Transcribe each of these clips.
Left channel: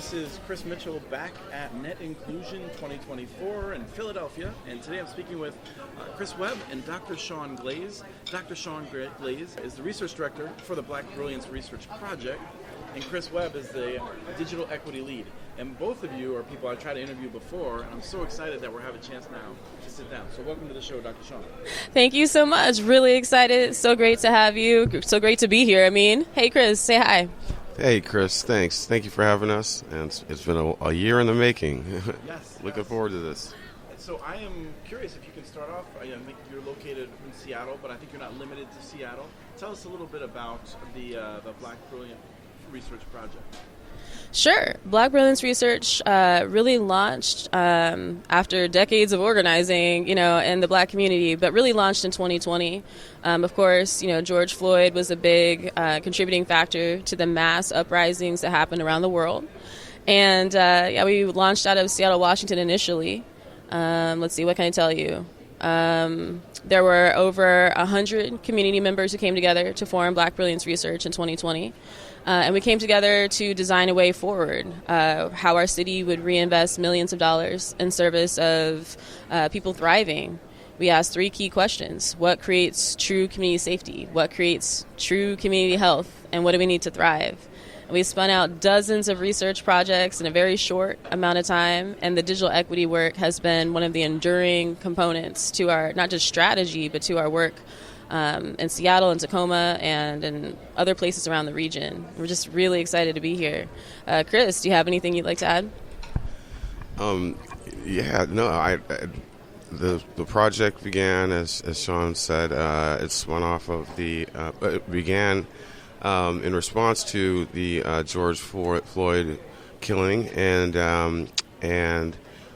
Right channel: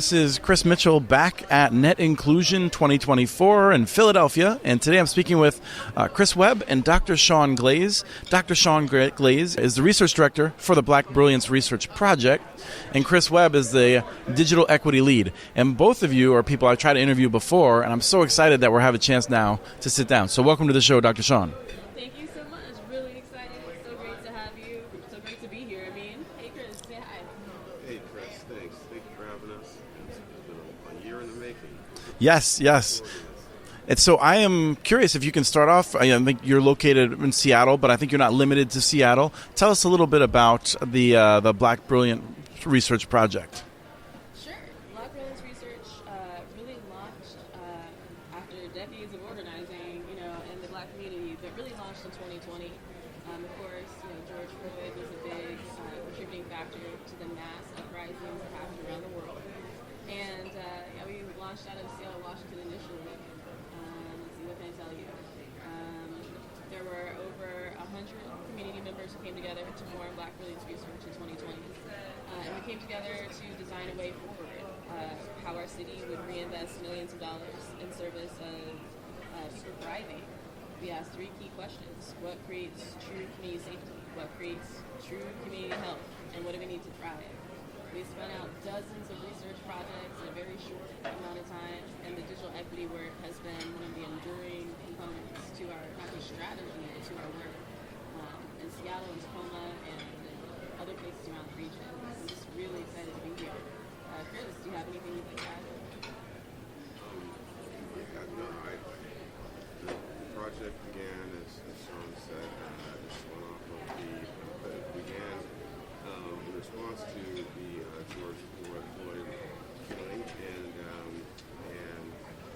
This is Chris Mitchell back at Net Inclusion 2024 in Philadelphia, and today I'm speaking with Chris Webb and Dr. Shaun Glaze. Dr. Shaun Glaze is the research director for the Black Brilliance Research Project, and Chris Webb is the digital equity lead. And both of you are people I tried to interview before, and I'm so excited that we're having a chance now to sit down. So welcome to the show, Dr. Shaun. Thank you so much. Really excited. So great to have you. So great to be here. Hey, Chris, say hi. Hey, Chris, thanks. Thank you for having us. And it's been a year in the making. Yes. Looking forward to this. And so I am curious if you can start off. I think you're located in Seattle, but I think you're not limited to Seattle. Tell us a little bit about the Black Brilliant Research Project. Sure. Black Brilliance Research really launched after decades of organizing, in the Black community, but really launched in 2020. Of course, George Floyd was a big contributing factor to the mass uprisings that happened around the world. And we launched out of Seattle, Washington initially. Let's see, what can I tell you? There were over 100 community members who came together to form Black Brilliance Research in 2020. And we came together to design a way forward, how our city would reinvest millions of dollars in service of people thriving. We asked three key questions. What creates true community safety? What creates true community health? And what do we need to thrive? And we spun out dozens of research projects in a very short amount of time, and the digital equity work has been one of the enduring components to our, not just strategy, but to our work in Seattle and Tacoma and in other places around the region. We're just really excited to be here. Chris, do you have anything you'd like to add? The project began, as Shaun said, it spun off of it began in response to the George Floyd killing, and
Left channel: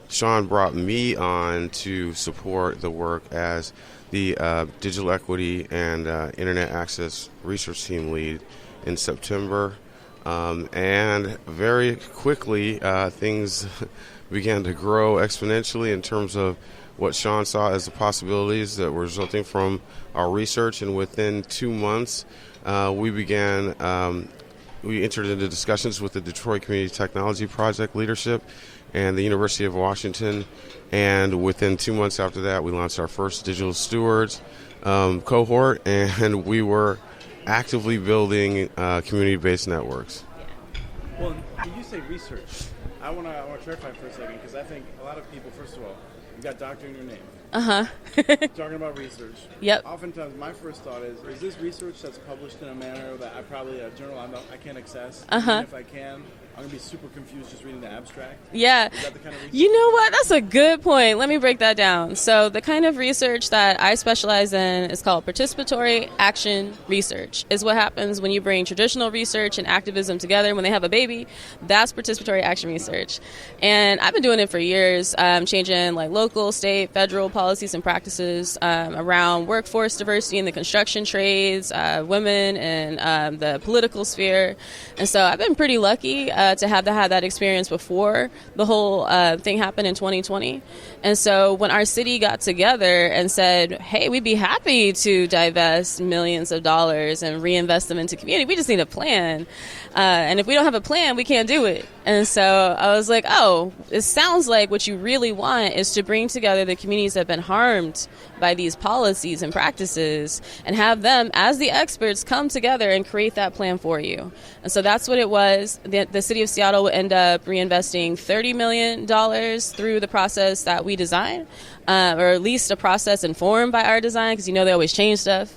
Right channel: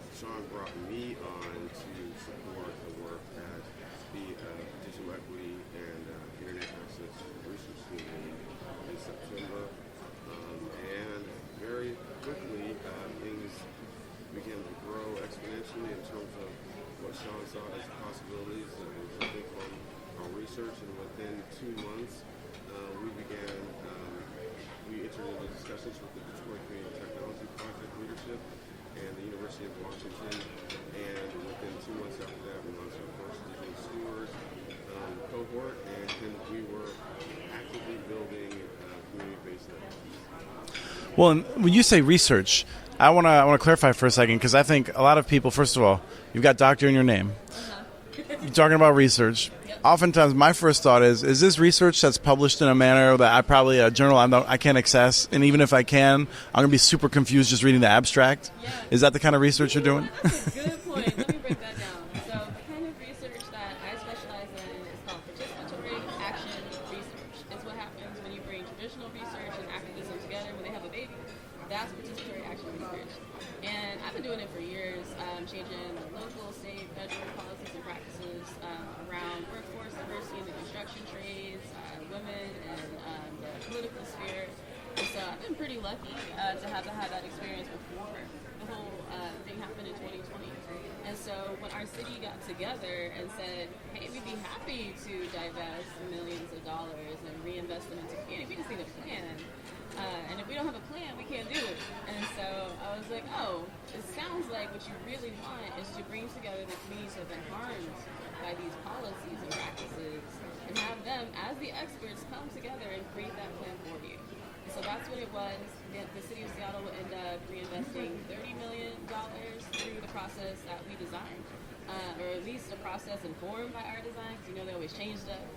Shaun brought me on to support the work as the Digital Equity and Internet Access Research Team lead in September. And very quickly, things began to grow exponentially in terms of what Shaun saw as the possibilities that were resulting from our research. And within 2 months, we entered into discussions with the Detroit Community Technology Project leadership and the University of Washington, and within 2 months after that, we launched our first Digital Stewards cohort, and we were actively building community-based networks. Well, and when you say research, I want to clarify for a second, because I think a lot of people, first of all, you've got doctor in your name. You're talking about research. Yep. Oftentimes, my first thought is this research that's published in a manner that a journal I can't access, and even if I can, I'm going to be super confused just reading the abstract? Yeah. Is that the kind of research you're doing? What? That's a good point. Let me break that down. So the kind of research that I specialize in is called participatory action research. Is what happens when you bring traditional research and activism together when they have a baby. That's participatory action research. And I've been doing it for years, changing local, state, federal policies and practices around workforce diversity in the construction trades, women, and the political sphere. And so I've been pretty lucky to have had that experience before the whole thing happened in 2020. And so when our city got together and said, hey, we'd be happy to divest millions of dollars and reinvest them into community, we just need a plan. And if we don't have a plan, we can't do it. And so I was like, oh, it sounds like what you really want is to bring together the communities that have been harmed by these policies and practices and have them, as the experts, come together and create that plan for you. And so that's what it was. The city of Seattle will end up reinvesting $30 million through the process that we designed. Or at least a process informed by our design, because they always change stuff.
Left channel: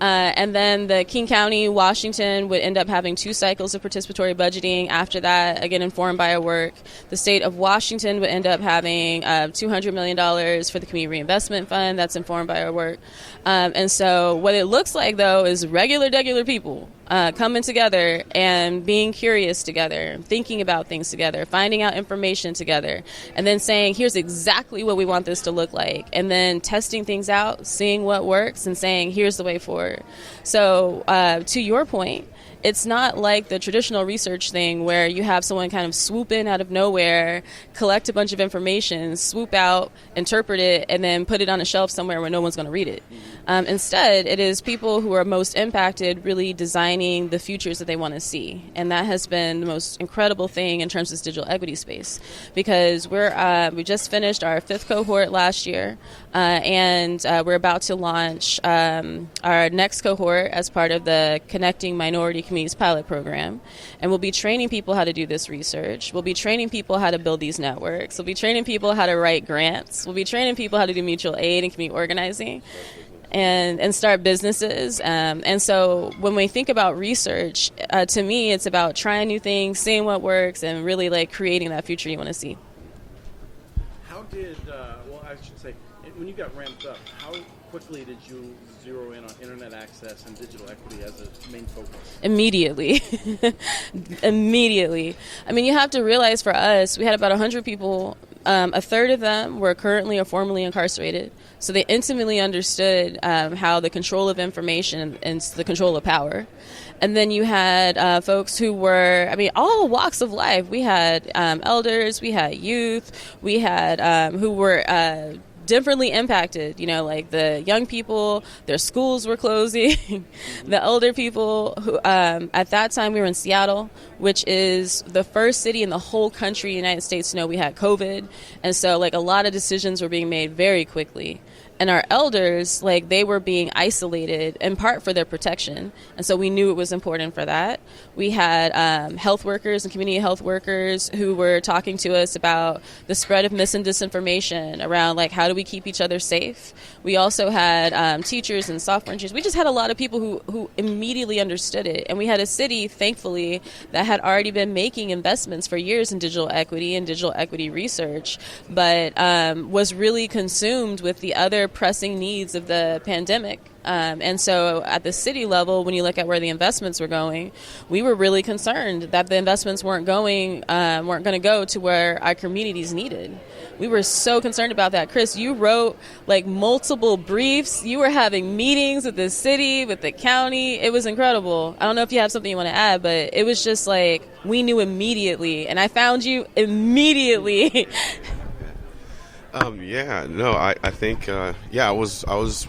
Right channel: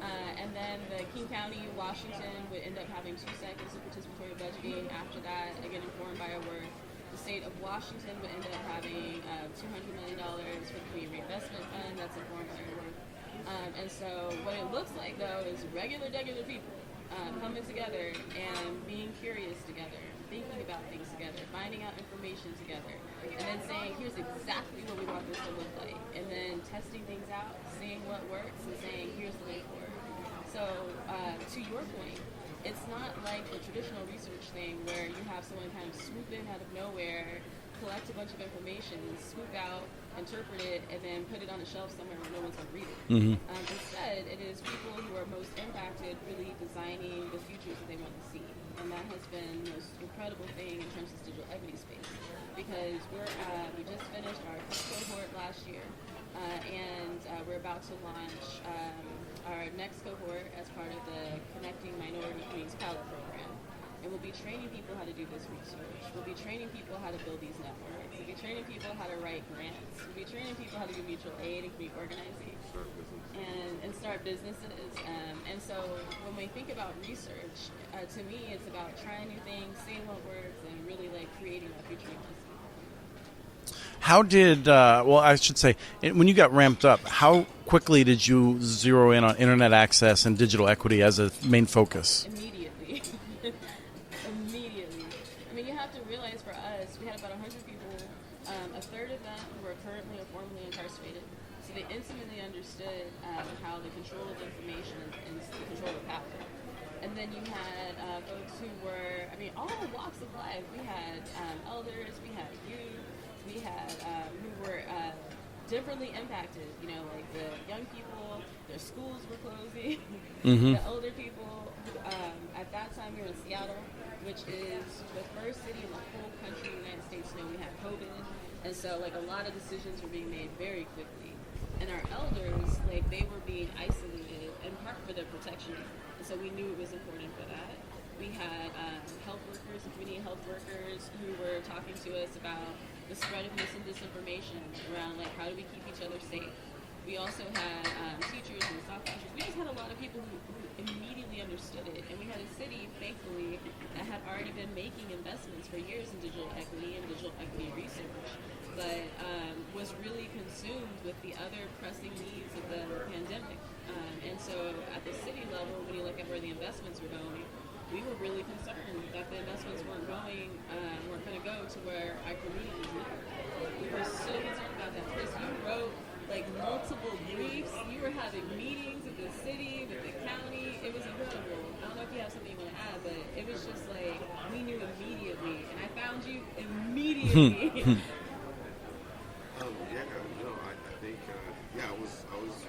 And then the King County, Washington, would end up having 2 cycles of participatory budgeting. After that, again, informed by our work. The state of Washington would end up having $200 million for the Community Reinvestment Fund. That's informed by our work. And so what it looks like, though, is regular people coming together and being curious together, thinking about things together, finding out information together, and then saying, here's exactly what we want this to look like, and then testing things out, seeing what works, and saying, here's the way forward. So to your point, it's not like the traditional research thing where you have someone kind of swoop in out of nowhere, collect a bunch of information, swoop out, interpret it, and then put it on a shelf somewhere where no one's going to read it. Instead, it is people who are most impacted really designing the futures that they want to see. And that has been the most incredible thing in terms of this digital equity space, because we just finished our 5th cohort last year, and we're about to launch our next cohort as part of the Connecting Minority Communities pilot program. And we'll be training people how to do this research. We'll be training people how to build these networks. We'll be training people how to write grants. We'll be training people how to do mutual aid and community organizing and start businesses. And so when we think about research, to me, it's about trying new things, seeing what works, and really like creating that future you want to see. How did, well, I should say, when you got ramped up, how quickly did you zero in on internet access and digital equity as a main focus? Immediately. Immediately. I mean, you have to realize for us, we had about 100 people. A third of them were currently or formerly incarcerated. So they intimately understood how the control of information and the control of power. And then you had folks who were, I mean, all walks of life. We had elders, we had youth, we had who were differently impacted. You know, like the young people, their schools were closing. The elder people who, at that time we were in Seattle, which is the first city in the whole country, United States, to know we had COVID. And so like a lot of decisions were being made very quickly. And our elders, like, they were being isolated in part for their protection. And so we knew it was important for that. We had health workers and community health workers who were talking to us about the spread of mis and disinformation around, like, how do we keep each other safe? We also had teachers and software engineers. We just had a lot of people who immediately understood it. And we had a city, thankfully, that had already been making investments for years in digital equity and digital equity research, but was really consumed with the other pressing needs of the pandemic. And so at the city level, when you look at where the investments were going, we were really concerned that the investments weren't going to go to where our communities needed. We were so concerned about that. Chris, you wrote like multiple briefs. You were having meetings with the city, with the county. It was incredible. I don't know if you have something you want to add, but it was just like we knew immediately, and I found you immediately. I think, I was,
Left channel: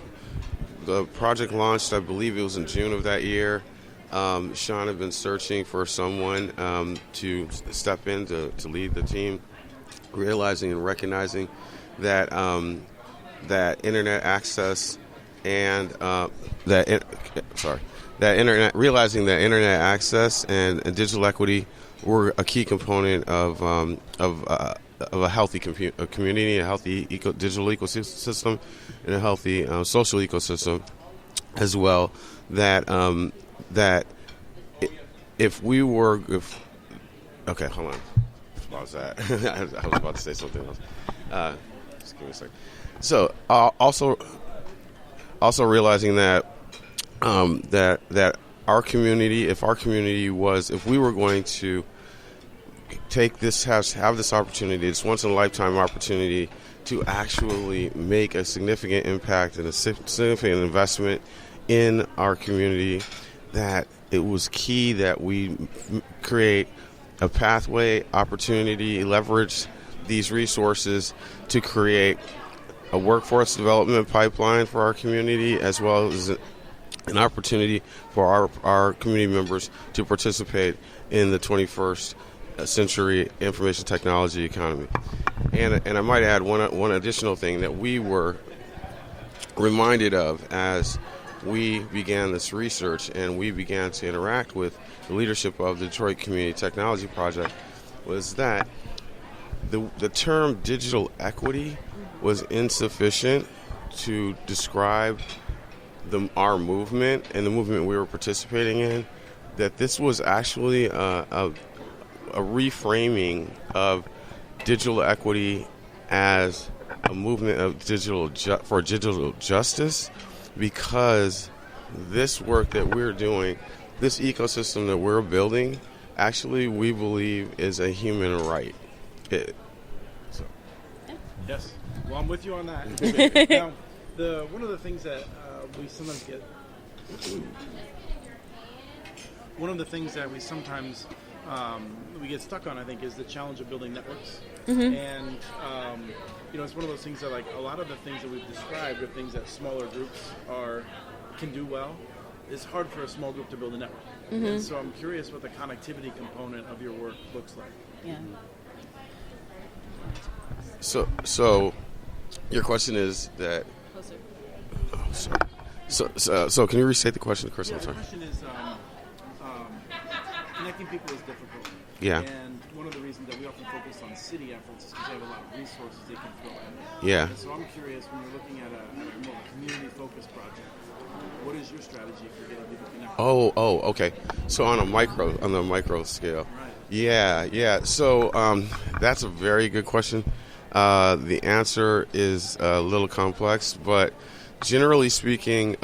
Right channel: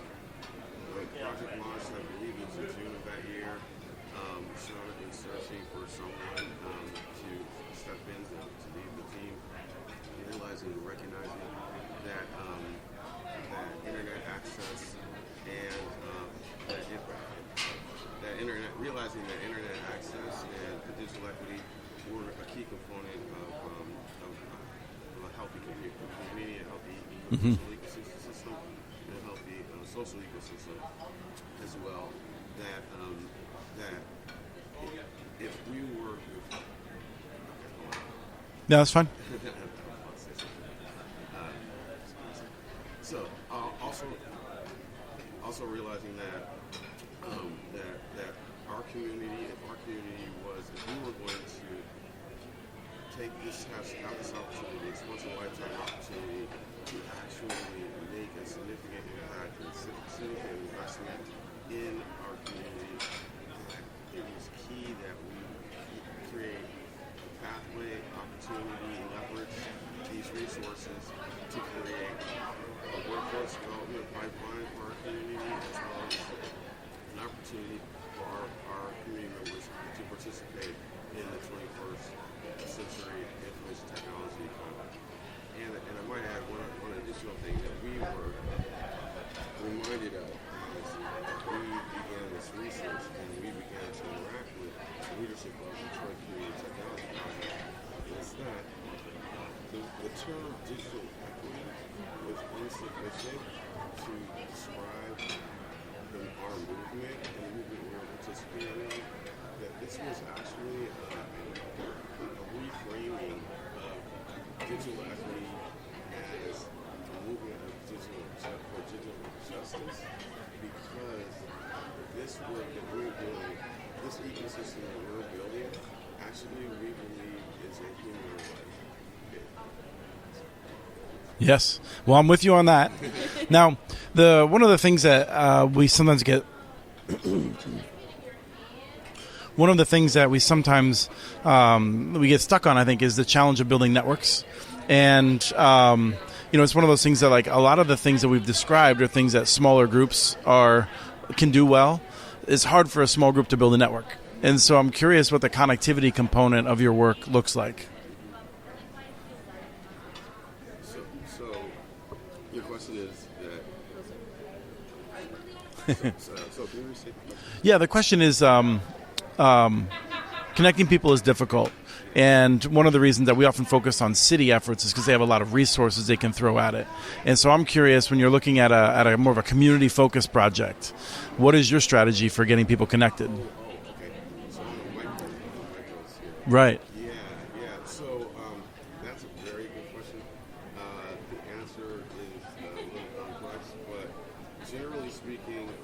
the project launched, I believe it was in June of that year. Shaun had been searching for someone to step in to lead the team, realizing and recognizing that that internet access and realizing that internet access and digital equity were a key component of a healthy community, a healthy digital ecosystem, and a healthy social ecosystem as well. Okay, hold on. No, that's fine. I was about to say something else. Just give me a second. So also realizing that that our community, if we were going to take this, have this opportunity, this once in a lifetime opportunity to actually make a significant impact and a significant investment in our community, that it was key that we create a pathway, opportunity, leverage these resources to create a workforce development pipeline for our community, as well as an opportunity for our community members to participate in the 21st century information technology economy. And I might add one additional thing that we were reminded of as we began this research and we began to interact with the leadership of the Detroit Community Technology Project, was that the term digital equity was insufficient to describe our movement and the movement we were participating in, that this was actually a reframing of digital equity as a movement of for digital justice, because this work that we're doing, this ecosystem that we're building, actually we believe is a human right. Yes. Well, I'm with you on that. Now, one of the things that we sometimes get one of the things that we sometimes we get stuck on, I think, is the challenge of building networks. And it's one of those things that, like, a lot of the things that we've described are things that smaller groups can do well. It's hard for a small group to build a network. And so I'm curious what the connectivity component of your work looks like. So your question is that. So can you restate the question? Yeah, the question is connecting people is difficult. Yeah. And one of the reasons that we often focus on city efforts is because they have a lot of resources they can throw at it. Yeah. And so I'm curious, when you're looking at a more of a community-focused project, what is your strategy for getting people connected? Okay. So on the micro scale. Right. Yeah. So that's a very good question. The answer is a little complex, but generally speaking,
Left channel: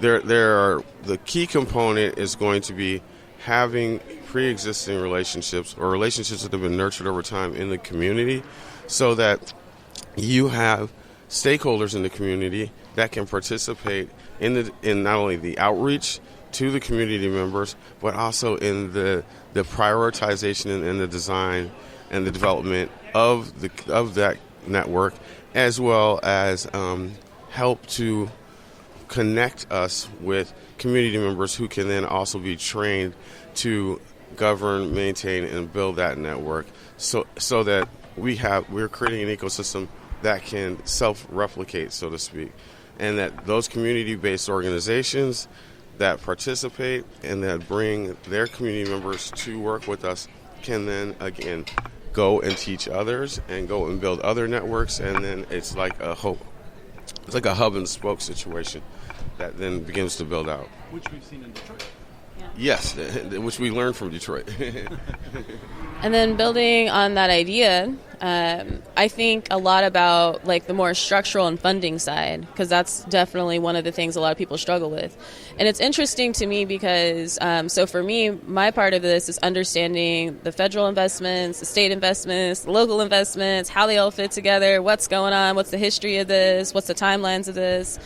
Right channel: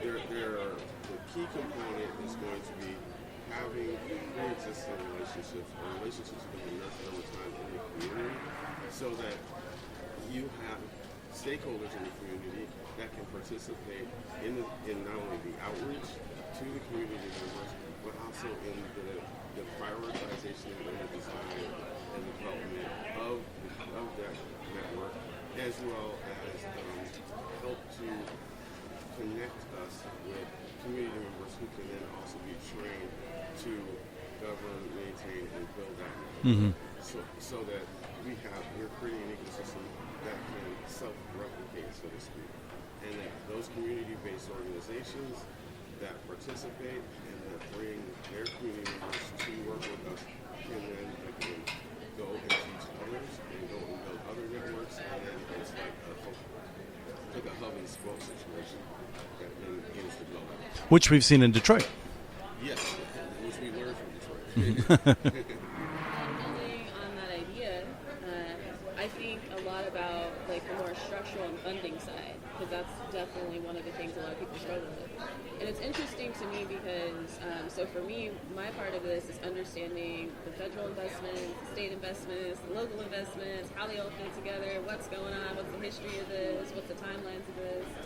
the key component is going to be having pre-existing relationships or relationships that have been nurtured over time in the community, so that you have stakeholders in the community that can participate in not only the outreach to the community members, but also in the prioritization and the design and the development of that network, as well as help to connect us with community members who can then also be trained to govern, maintain, and build that network, so that we're creating an ecosystem that can self-replicate, so to speak, and that those community-based organizations that participate and that bring their community members to work with us can then, again, go and teach others and go and build other networks, and then it's like a hub and spoke situation that then begins to build out. Which we've seen in Detroit. Yes, which we learned from Detroit. And then building on that idea, I think a lot about like the more structural and funding side, because that's definitely one of the things a lot of people struggle with. And it's interesting to me because, so for me, my part of this is understanding the federal investments, the state investments, the local investments, how they all fit together, what's going on, what's the history of this, what's the timelines of this.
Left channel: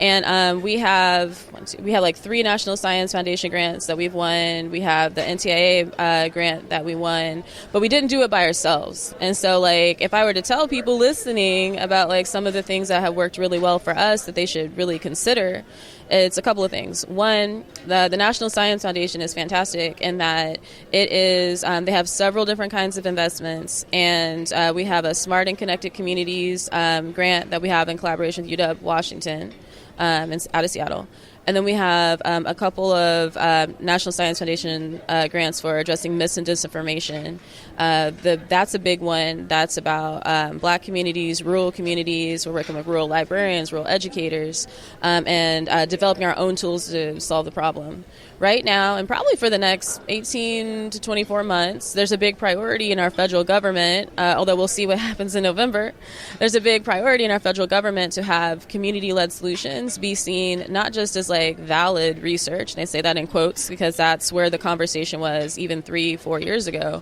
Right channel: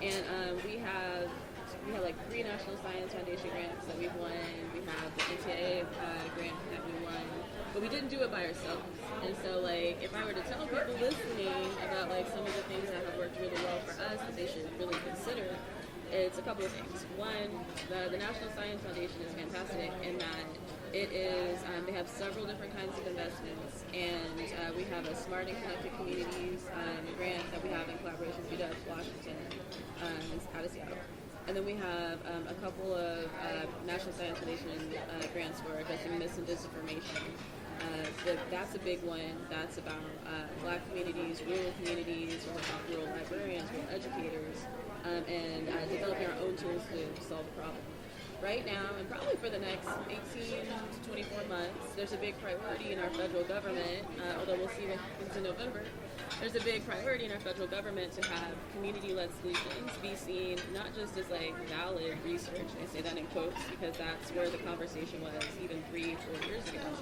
And we have like 3 National Science Foundation grants that we've won. We have the NTIA grant that we won, but we didn't do it by ourselves. And so, like, if I were to tell people listening about like some of the things that have worked really well for us that they should really consider, it's a couple of things. One, the National Science Foundation is fantastic in that it is, they have several different kinds of investments, and we have a Smart and Connected Communities grant that we have in collaboration with UW Washington out of Seattle. And then we have a couple of National Science Foundation grants for addressing mis and disinformation. That's a big one. That's about Black communities, rural communities. We're working with rural librarians, rural educators, and developing our own tools to solve the problem. Right now, and probably for the next 18 to 24 months, there's a big priority in our federal government, although we'll see what happens in November. There's a big priority in our federal government to have community-led solutions be seen not just as like valid research, and I say that in quotes because that's where the conversation was even 3-4 years ago.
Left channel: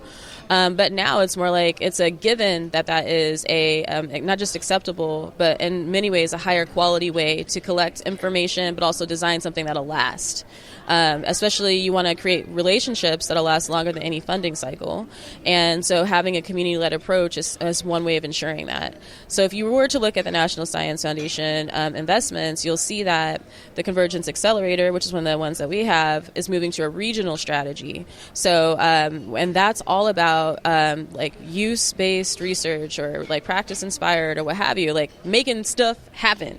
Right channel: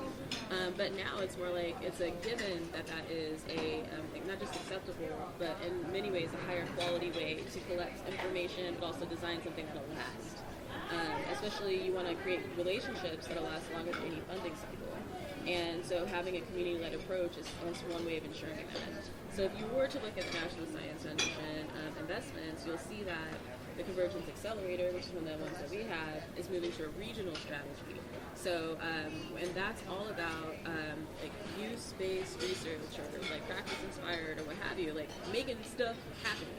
But now it's more like it's a given that is a not just acceptable, but in many ways a higher quality way to collect information, but also design something that'll last. Especially you want to create relationships that'll last longer than any funding cycle. And so having a community-led approach is one way of ensuring that. So if you were to look at the National Science Foundation investments, you'll see that the Convergence Accelerator, which is one of the ones that we have, is moving to a regional strategy. So, and that's all about like use-based research or like practice-inspired or what have you, like making stuff happen.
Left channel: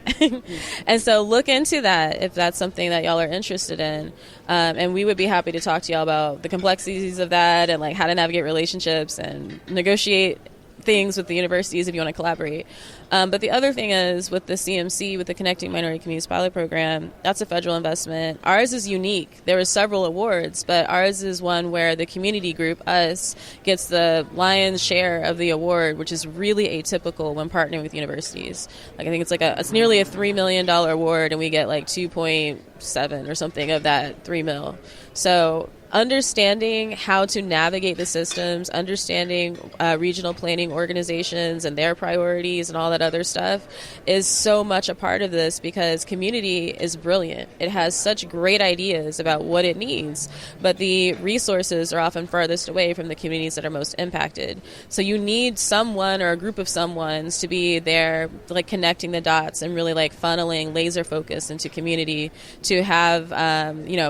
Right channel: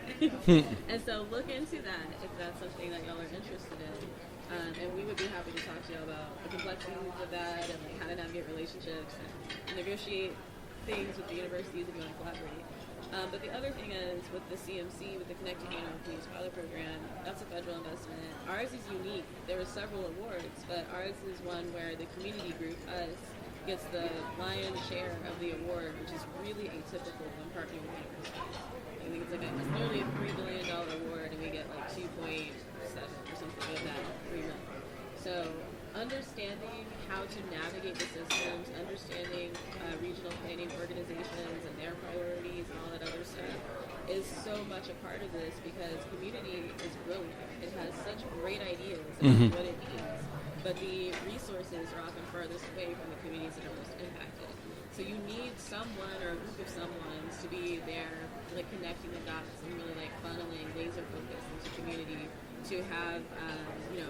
And so look into that if that's something that y'all are interested in. And we would be happy to talk to y'all about the complexities of that and like how to navigate relationships and negotiate things with the universities if you want to collaborate. But the other thing is with the CMC, with the Connecting Minority Communities Pilot Program, that's a federal investment. Ours is unique. There were several awards, but ours is one where the community group, us, gets the lion's share of the award, which is really atypical when partnering with universities. Like I think it's nearly a $3 million award, and we get like 2.7 or something of that $3 million. So understanding how to navigate the systems, understanding regional planning organizations and their priorities and all that other stuff is so much a part of this, because community is brilliant. It has such great ideas about what it needs, but the resources are often farthest away from the communities that are most impacted. So you need someone or a group of someones to be there, like connecting the dots and really like funneling laser focus into community to have,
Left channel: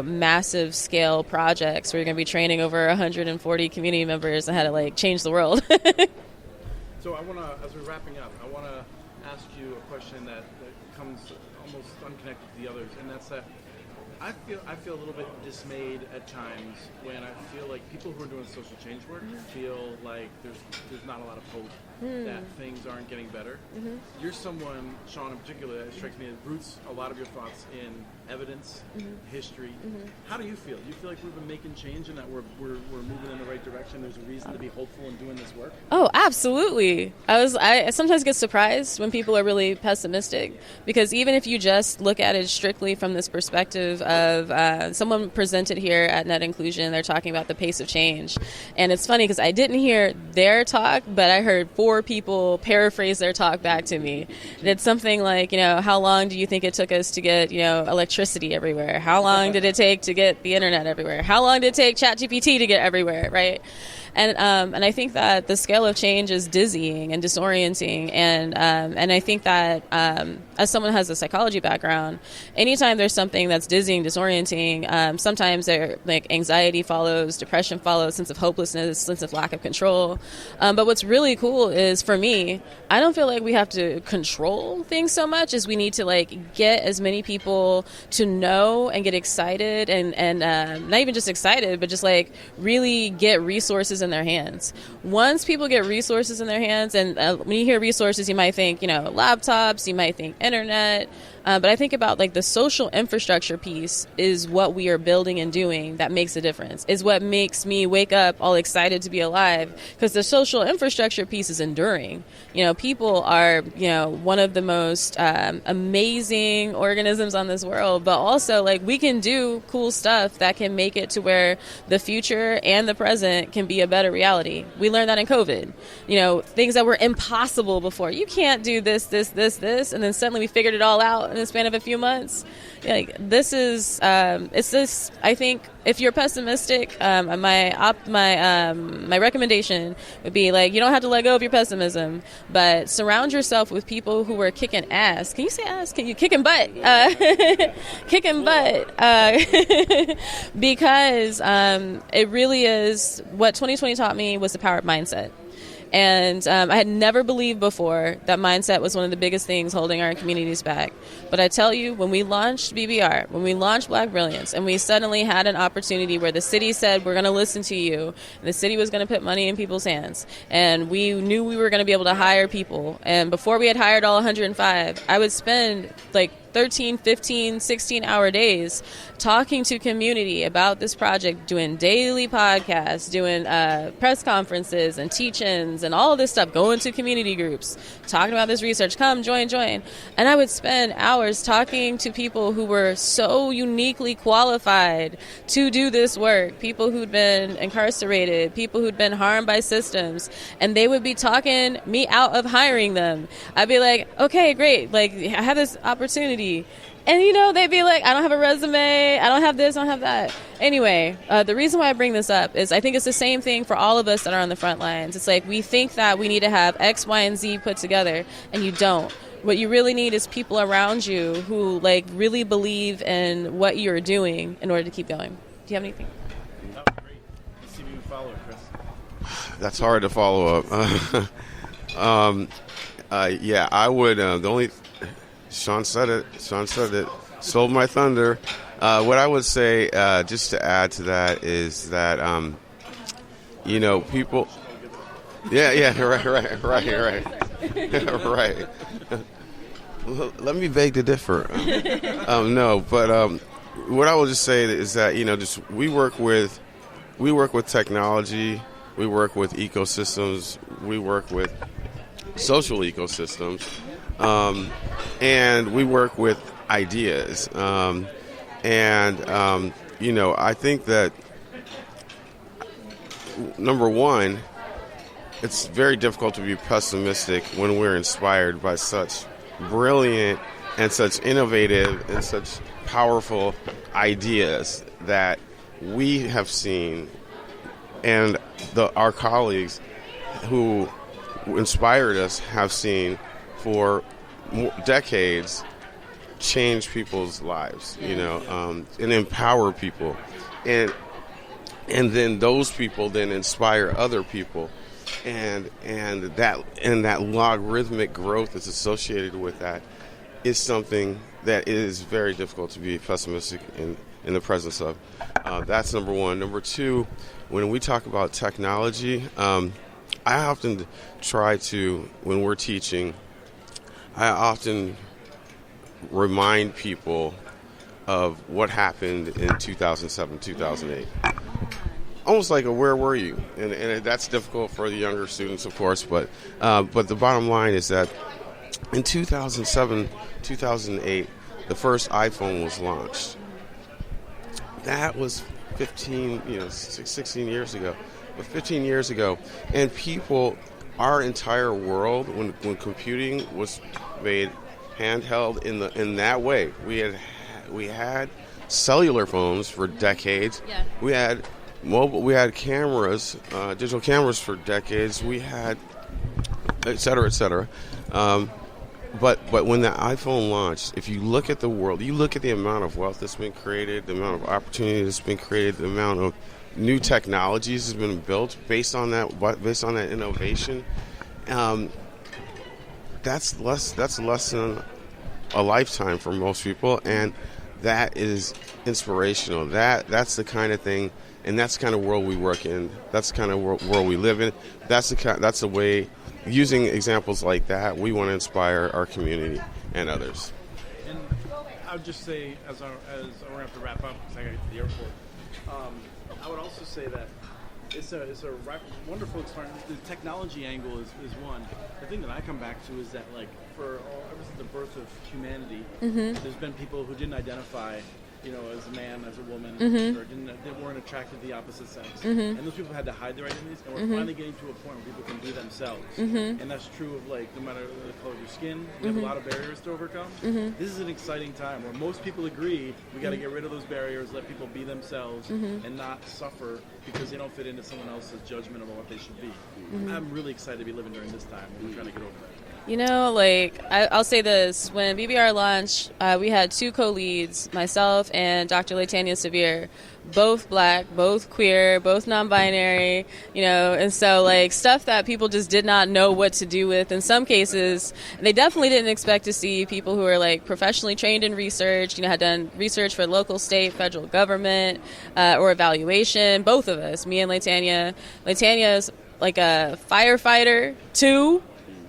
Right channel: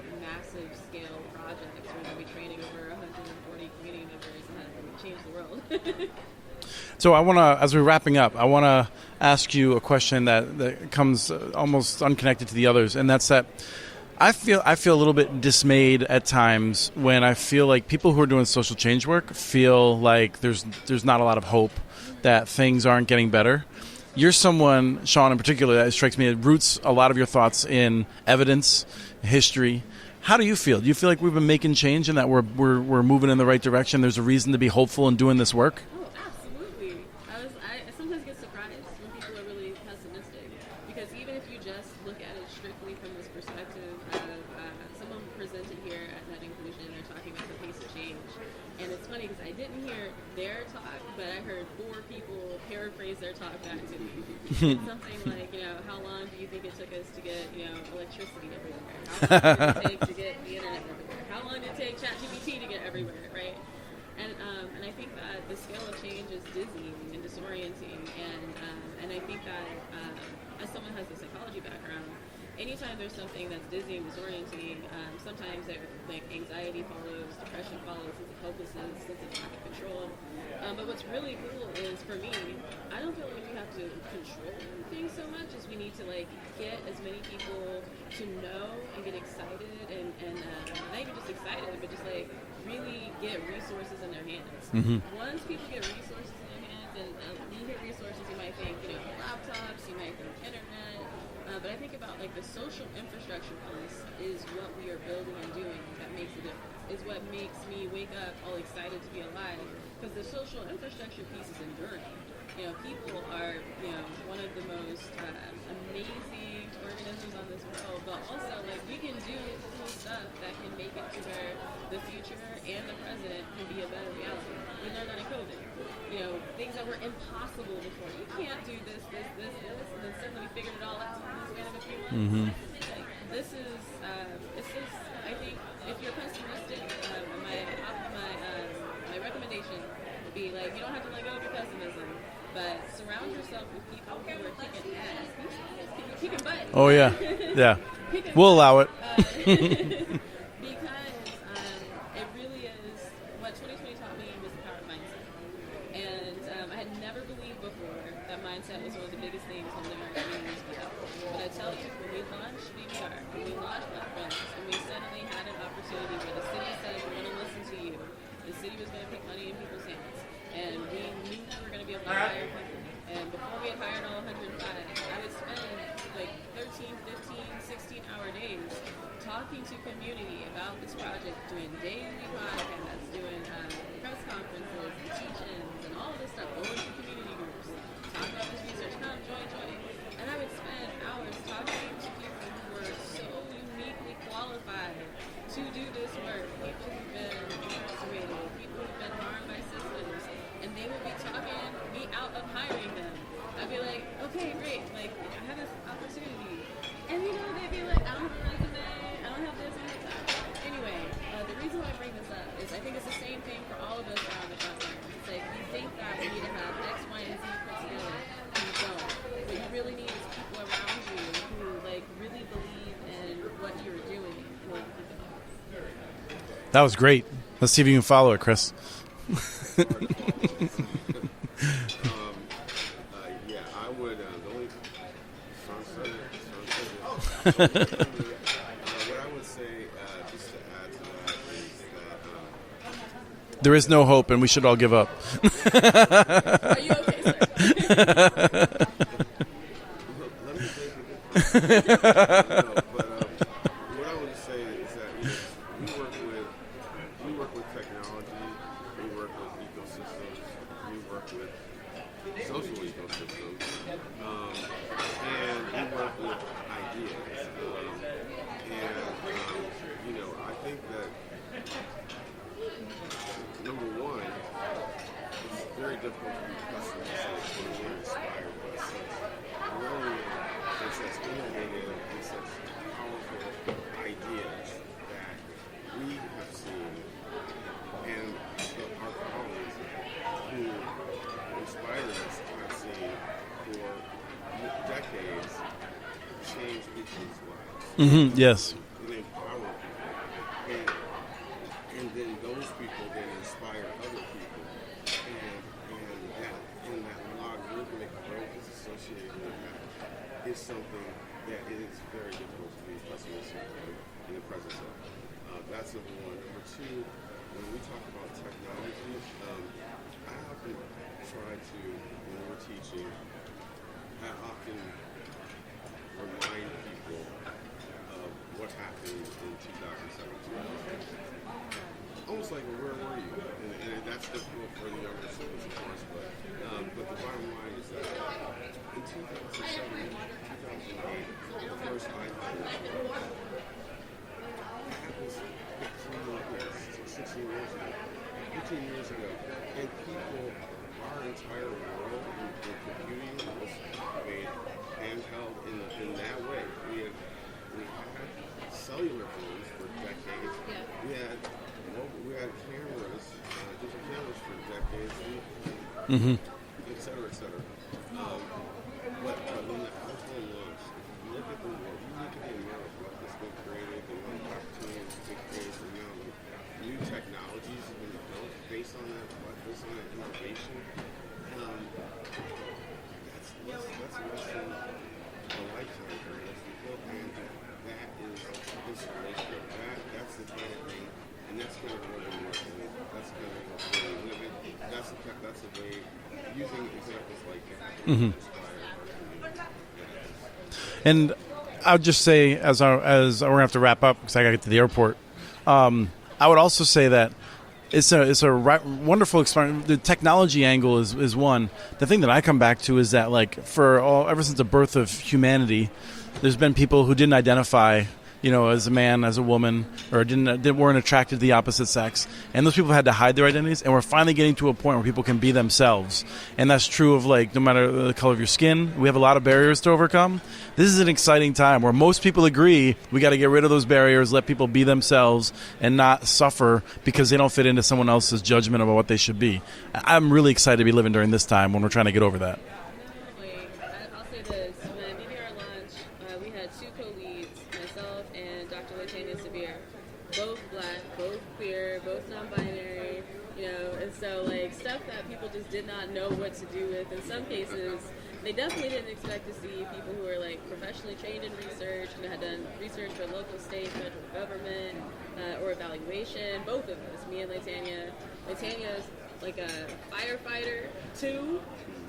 massive scale projects where you're going to be training over 140 community members on how to like change the world. So I want to, as we're wrapping up, I want to ask you a question that comes almost unconnected to the others, and that's that I feel a little bit dismayed at times when I feel like people who are doing social change work feel like there's not a lot of hope that things aren't getting better. You're someone, Shaun in particular, that strikes me, it roots a lot of your thoughts in evidence, history. How do you feel? Do you feel like we've been making change and that we're moving in the right direction? There's a reason to be hopeful in doing this work? Oh, absolutely. I sometimes get surprised when people are really pessimistic, because even if you just look at it strictly from this perspective of someone presented here at Net Inclusion, they're talking about the pace of change. And it's funny because I didn't hear their talk, but I heard 4 people paraphrase their talk back to me. It's something like, how long do you think it took us to get, electricity everywhere? How long did it take to get the internet everywhere? How long did it take ChatGPT to get everywhere, right? And I think that the scale of change is dizzying and disorienting, and I think that as someone who has a psychology background, anytime there's something that's dizzying, disorienting, sometimes there like anxiety follows, depression follows, sense of hopelessness, sense of lack of control. But what's really cool is, for me, I don't feel like we have to control things so much as we need to like get as many people to know and get excited and not even just excited, but just like really get resources in their hands. Once people get resources in their hands, and when you hear resources, you might think, laptops, you might think internet, but I think about like the social infrastructure piece is what we are building and doing that makes a difference, is what makes me wake up all excited to be alive, because the social infrastructure piece is enduring. People are, one of the most amazing organisms on this world, but also like we can do cool stuff that can make it to where the future and the present can be a better reality. We learned that in COVID. Things that were impossible before. You can't do this, and then suddenly we figured it all out in the span of a few months. This is, it's this, I think, if you're pessimistic, my recommendation would be like, you don't have to let go of your pessimism, but surround yourself with people who are kicking ass. Can you say ass? Can you kicking butt? Oh, yeah. Yeah. Kicking we'll butt. Allow it. Because it really is, what 2020 taught me was the power of mindset. And I had never believed before that mindset was one of the biggest things holding our communities back. But I tell you, when we launched BBR, when we launched Black Brilliance, and we suddenly had an opportunity where the city said, we're going to listen to you, and the city was going to put money in people's hands, and we knew we were going to be able to hire people. And before we had hired all 105, I would spend like 13, 15, 16-hour days talking to community about this project, doing daily podcasts, doing press conferences and teach-ins and all of this stuff, going to community groups, talking about this research, come, join. And I would spend hours talking to people who were so uniquely qualified to do this work, people who'd been incarcerated, people who'd been harmed by systems, and they would be talking me out of hiring them. I'd be like, okay, great, like I have this opportunity. And, they'd be like, I don't have a resume, I don't have this, I don't have that. Anyway, the reason why I bring this up is I think it's the same thing for all of us that are on the front lines. It's like we think that we need to have X, Y, and Z put together, and you don't. What you really need is people around you who, like, really believe in what you're doing in order to keep going. Do you have anything? That was great. Let's see if you can follow it, Chris. That's hard to follow up. Yeah, I would. The only... Shaun said it. Sold my thunder. What I would say, just to add to that, is that there is no hope, and we should all give up. Yeah, right. Let me beg to differ. No, but what I will just say is that just we work with technology, we work with ecosystems, we work with social ecosystems, and we work with ideas. I think that number one, it's very difficult to be pessimistic when we're inspired by such brilliant and such innovative and such powerful ideas that we have seen, and our colleagues who inspired us have seen for decades change people's lives, yes. and empower people, and then those people then inspire other people, and that logarithmic growth that's associated with that is something that is very difficult to be pessimistic in the presence of. That's number one. Number two, when we talk about technology, I often try to, when we're teaching, I often remind people of what happened in 2007, 2008. Almost like a where were you? And that's difficult for the younger students, of course, but the bottom line is that in 2007, 2008, the first iPhone was launched. That was 16 years ago. 15 years ago. And people, our entire world, when computing was made handheld in that way, we had cellular phones for decades. Yeah. We had we had cameras, digital cameras for decades. We had, et cetera, et cetera. But when the iPhone launched, if you look at the world, you look at the amount of wealth that's been created, the amount of opportunity that's been created, the amount of new technologies has been built based on that innovation. That's less than a lifetime for most people, and that is inspirational. That's the kind of thing, and that's the kind of world we work in. That's the kind of world we live in. That's the way. Using examples like that, we want to inspire our community and others. And I would just say, as we're gonna have to wrap up because I gotta get to the airport. I would also say that it's a wonderful experience. The technology angle is one. The thing that I come back to is that, like, ever since the birth of humanity, there's been people who didn't identify, as a man, as a woman, or weren't attracted to the opposite sex, and those people had to hide their identities. And we're finally getting to a point where people can be themselves, and that's true of, like, no matter the color of your skin. We have a lot of barriers to overcome. This is an exciting time where most people agree we got to get rid of those barriers, let people be themselves, and not suffer because they don't fit into someone else's judgment about what they should be. I'm really excited to be living during this time when we're trying to get over that. I'll say this. When BBR launched, we had two co-leads, myself and Dr. Latanya Severe, both black, both queer, both non-binary, and so, stuff that people just did not know what to do with. In some cases, they definitely didn't expect to see people who are, professionally trained in research, had done research for local, state, federal government, or evaluation. Both of us, me and Latanya. Latanya's like a firefighter, too.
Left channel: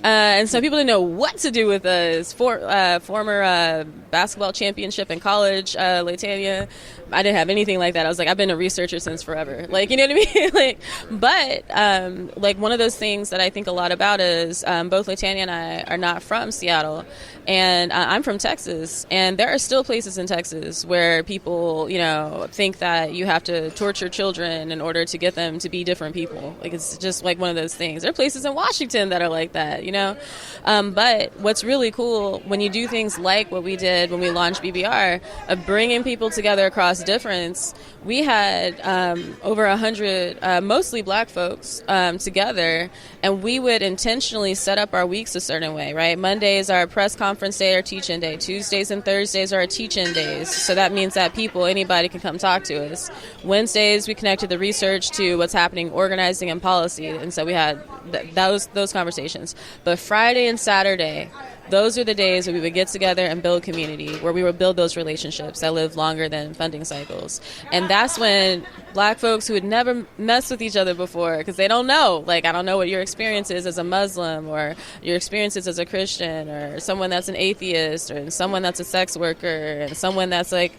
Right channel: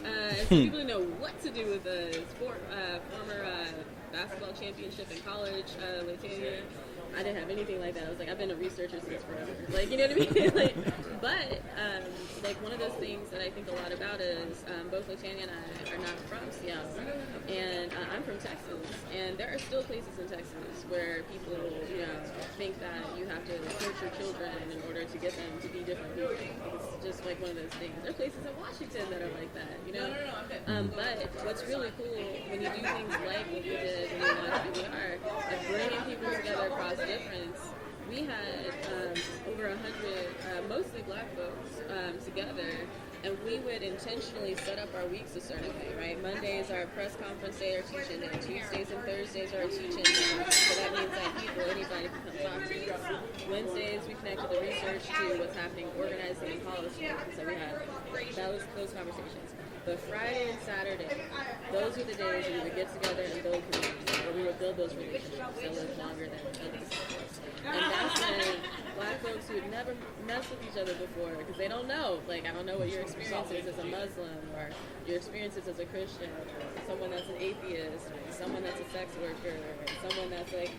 And so people didn't know what to do with us. Former basketball championship in college, Latanya. I didn't have anything like that. I was like, I've been a researcher since forever. You know what I mean? But one of those things that I think a lot about is both Latanya and I are not from Seattle. And I'm from Texas, and there are still places in Texas where people, think that you have to torture children in order to get them to be different people. It's just one of those things. There are places in Washington that are like that, But what's really cool when you do things like what we did when we launched BBR, of bringing people together across difference, we had over 100, mostly black folks, together, and we would intentionally set up our weeks a certain way, right? Mondays are press conference day or teach-in day. Tuesdays and Thursdays are our teach-in days. So that means that anybody can come talk to us. Wednesdays, we connected the research to what's happening, organizing and policy, and so we had those conversations. But Friday and Saturday, those are the days where we would get together and build community, where we would build those relationships that live longer than funding cycles. And that's when black folks who had never messed with each other before, because they don't know, I don't know what your experience is as a Muslim, or your experiences as a Christian, or someone that's an atheist, or someone that's a sex worker, and someone that's a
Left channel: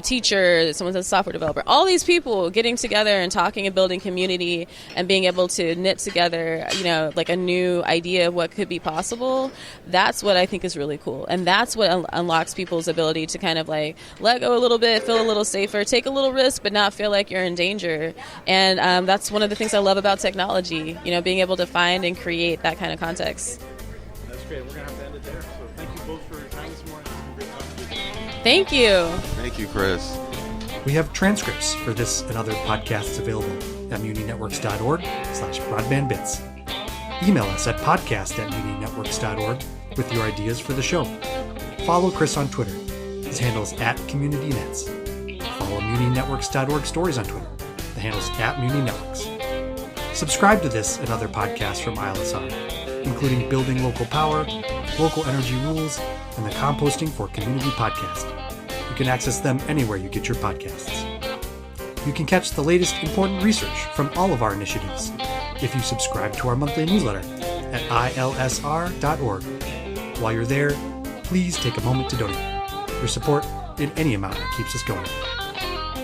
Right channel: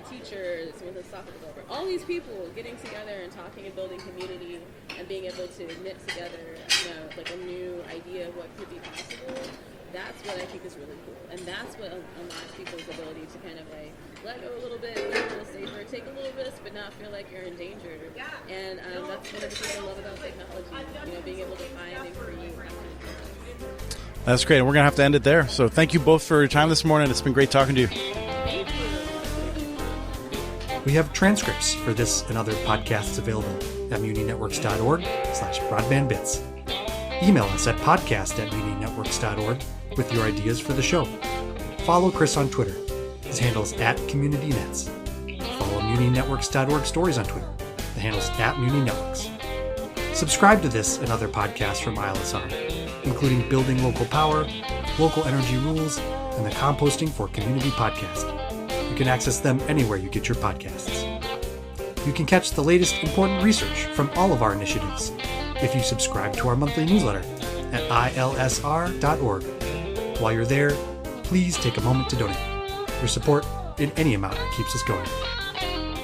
teacher, someone that's a software developer. All these people getting together and talking and building community and being able to knit together, a new idea of what could be possible. That's what I think is really cool. And that's what unlocks people's ability to kind of like let go a little bit, feel a little safer, take a little risk, but not feel like you're in danger. And that's one of the things I love about technology, being able to find and create that kind of context. That's great. And we're going to have to end it there. So thank you both for your time this morning. It's been great talking to you. Thank you. Thank you, Chris. We have transcripts for this and other podcasts available at muninetworks.org/broadbandbits. Email us at podcast@muninetworks.org with your ideas for the show. Follow Chris on Twitter. His handle's @CommunityNets. Follow muninetworks.org stories on Twitter. The handle's @muninetworks. Subscribe to this and other podcasts from ILSR, including Building Local Power, Local Energy Rules, and the Composting for Community podcast. You can access them anywhere you get your podcasts. You can catch the latest important research from all of our initiatives if you subscribe to our monthly newsletter at ilsr.org. While you're there, please take a moment to donate. Your support in any amount keeps us going.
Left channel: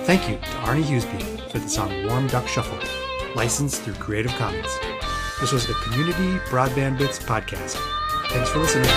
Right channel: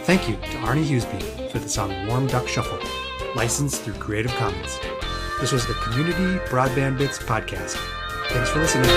Thank you to Arnie Hughesby for the song Warm Duck Shuffle, licensed through Creative Commons. This was the Community Broadband Bits podcast. Thanks for listening.